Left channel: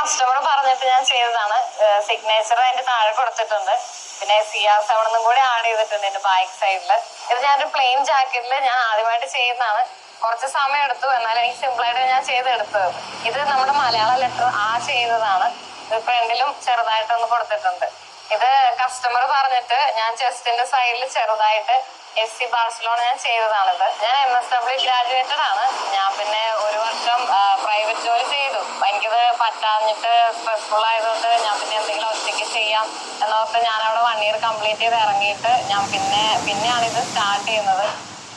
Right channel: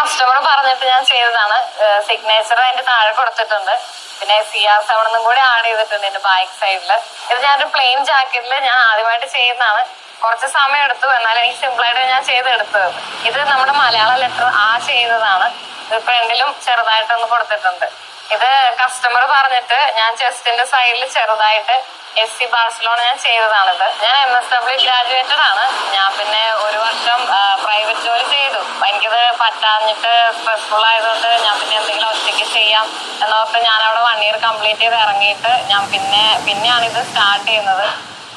Customer പറഞ്ഞിട്ട് ഞാൻ ചെയ്തതാണ്. സിഗ്നേച്ചർ അതിന്റെ താഴെ കൊടുത്തിട്ടുണ്ട്. പിന്നെ CR7 കൂടി ആഡ് ചെയ്തിട്ടുണ്ട് എന്റെ ബാക്ക് സൈഡില്. ഇത് ഞാനൊരു പ്ലെയിൻ ജാക്കറ്റില് ഞാൻ ആദ്യമായിട്ട് ചെയ്യുന്നതാണ്. കുറച്ച് സമയം എടുത്തു, എന്നാലും എനിക്ക് സിമ്പിൾ ആയിട്ട് ഞാൻ ചെയ്തെടുത്തത്. ഇത് നമ്മുടെ മലയാള ലെറ്റർ ചെയ്യുന്നതാണ്. ഇത് ഫ്രണ്ടിലും ചെറുതായിട്ടൊന്ന് കൊടുത്തിട്ടുണ്ട്. ഇത് കസ്റ്റമർ പറഞ്ഞിട്ട് ഞാൻ ചെസ്റ്റിന്റെ സൈഡിൽ ചെറുതായിട്ട് SC ബാർസലോണ ഞാൻ ചെയ്തതാണിത്. ഞാൻ MSW ഗ്രാജുവേറ്റഡ് ആണ്. ഞാൻ പിന്നെ 1 വർഷം പ്രൈവറ്റ് ജോലി ചെയ്തു. എനിക്കിത് പറ്റാഞ്ഞിട്ട് സ്ട്രെസ്ഫുൾ ആയതുകൊണ്ട് ഞാൻ പിന്നെ എന്തെങ്കിലും ഒറ്റയ്ക്ക് ചെയ്യാം എന്നോർത്ത് ഞാൻ അവിടെ 1 ഇയർ കംപ്ലീറ്റ് ചെയ്ത് ഇറങ്ങിയിട്ട് ഞാൻ പിന്നെയാണ് ഇത് സ്റ്റാർട്ട് ചെയ്യുന്നത്.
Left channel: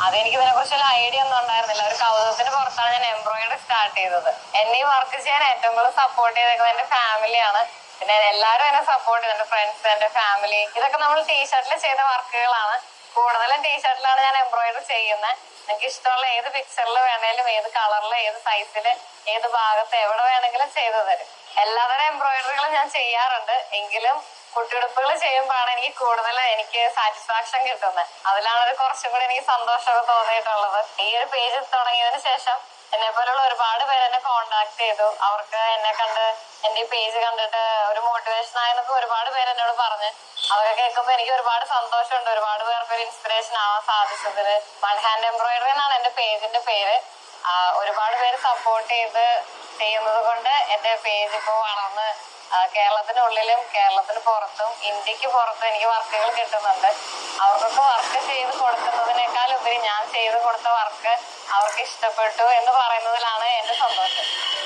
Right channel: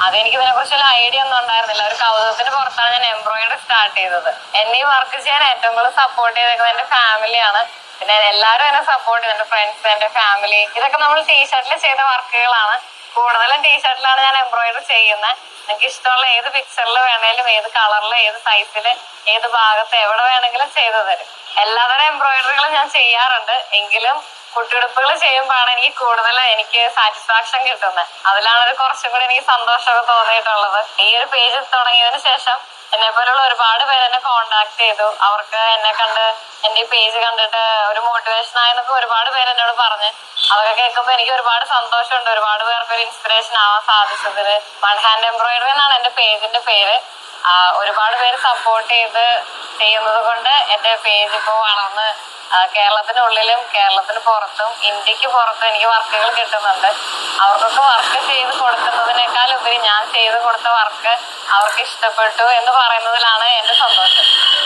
അതെനിക്ക് ഇതിനെ കുറിച്ചുള്ള ഐഡിയ ഒന്നും ഉണ്ടായിരുന്നില്ല. ഒരു കൗതുകത്തിന് പുറത്താണ് ഞാൻ എംബ്രോയിഡറി സ്റ്റാർട്ട് ചെയ്തത്. എന്നെ ഈ വർക്ക് ചെയ്യാൻ ഏറ്റവും കൂടുതൽ സപ്പോർട്ട് ചെയ്തേക്കുന്നത് എന്റെ ഫാമിലിയാണ്. പിന്നെ എല്ലാവരും എന്നെ സപ്പോർട്ട് ചെയ്തു, എന്റെ ഫ്രണ്ട്സ്, എന്റെ ഫാമിലി. ഇതൊക്കെ നമ്മൾ ടീഷർട്ടിൽ ചെയ്ത വർക്കുകളാണ്. കൂടുതലും ടീഷർട്ടിലാണ് ഞാൻ എംബ്രോയിഡറി ചെയ്യുന്നത്. നിങ്ങൾക്ക് ഇഷ്ടമുള്ള ഏത് പിക്ചറിൽ വേണേലും, ഏത് കളറിൽ, ഏത് സൈസിൽ, ഏത് ഭാഗത്ത്, എവിടെ വേണമെങ്കിലും ചെയ്തു തരും. എല്ലാതരം എംബ്രോയിഡറികളും ഞാൻ ചെയ്യാറുണ്ട്. എങ്കിലും കുട്ടിയുടുപ്പുകൾ ചെയ്യുമ്പോഴാണ് എനിക്ക് സാറ്റിസ്ഫാക്ഷൻ കിട്ടുന്നത്. അതിലാണ് കുറച്ചും കൂടി എനിക്ക് സന്തോഷമൊക്കെ തോന്നിയിട്ടുള്ളത്. ഈ ഒരു പേജ് തുടങ്ങിയതിന് ശേഷം എന്നെ പോലുള്ള ഒരുപാട് പേര് എന്നെ കോണ്ടാക്ട് ചെയ്തു. അവർക്ക് എന്നെ കണ്ട് എന്റെ ഈ പേജ് കണ്ടിട്ട് ഒരു മോട്ടിവേഷൻ ആയെന്നൊക്കെ ഒരുപാട് പേര് എന്നോട് പറഞ്ഞ്. അതൊക്കെ കേൾക്കുമ്പോൾ എനിക്ക് ഒരുപാട് സന്തോഷമുണ്ട്. ഒരുപാട് പേർക്ക് ഒരു ഇൻസ്പിറേഷൻ ആവാൻ സാധിച്ചതില്. വൺ ഹാൻഡ് എംബ്രോയിഡറി എന്നാണ് എന്റെ പേജിന്റെ പേര്. ഒരുപാട് പേര് സപ്പോർട്ട് ചെയ്ത് ചെയ്യുന്നത് കൊണ്ട് എന്റെ പേജ് ഇപ്പോൾ വളർന്ന് കേരളത്തിനുള്ളിലും കേരളത്തിന് പുറത്തും ഇന്ത്യക്ക് പുറത്തും എനിക്ക് വർക്കുകൾ കിട്ടുന്നുണ്ട്. അവർക്കൊക്കെ വർക്ക് ചെയ്ത് കൊടുക്കുന്നതിനേക്കാൾ ഉപരി ഞാൻ ചെയ്ത് കൊടുത്ത വർക്ക് അവർക്ക് ഇഷ്ടപ്പെട്ടു എന്ന് പറയുന്നതിലാണ് എന്റെ സന്തോഷം.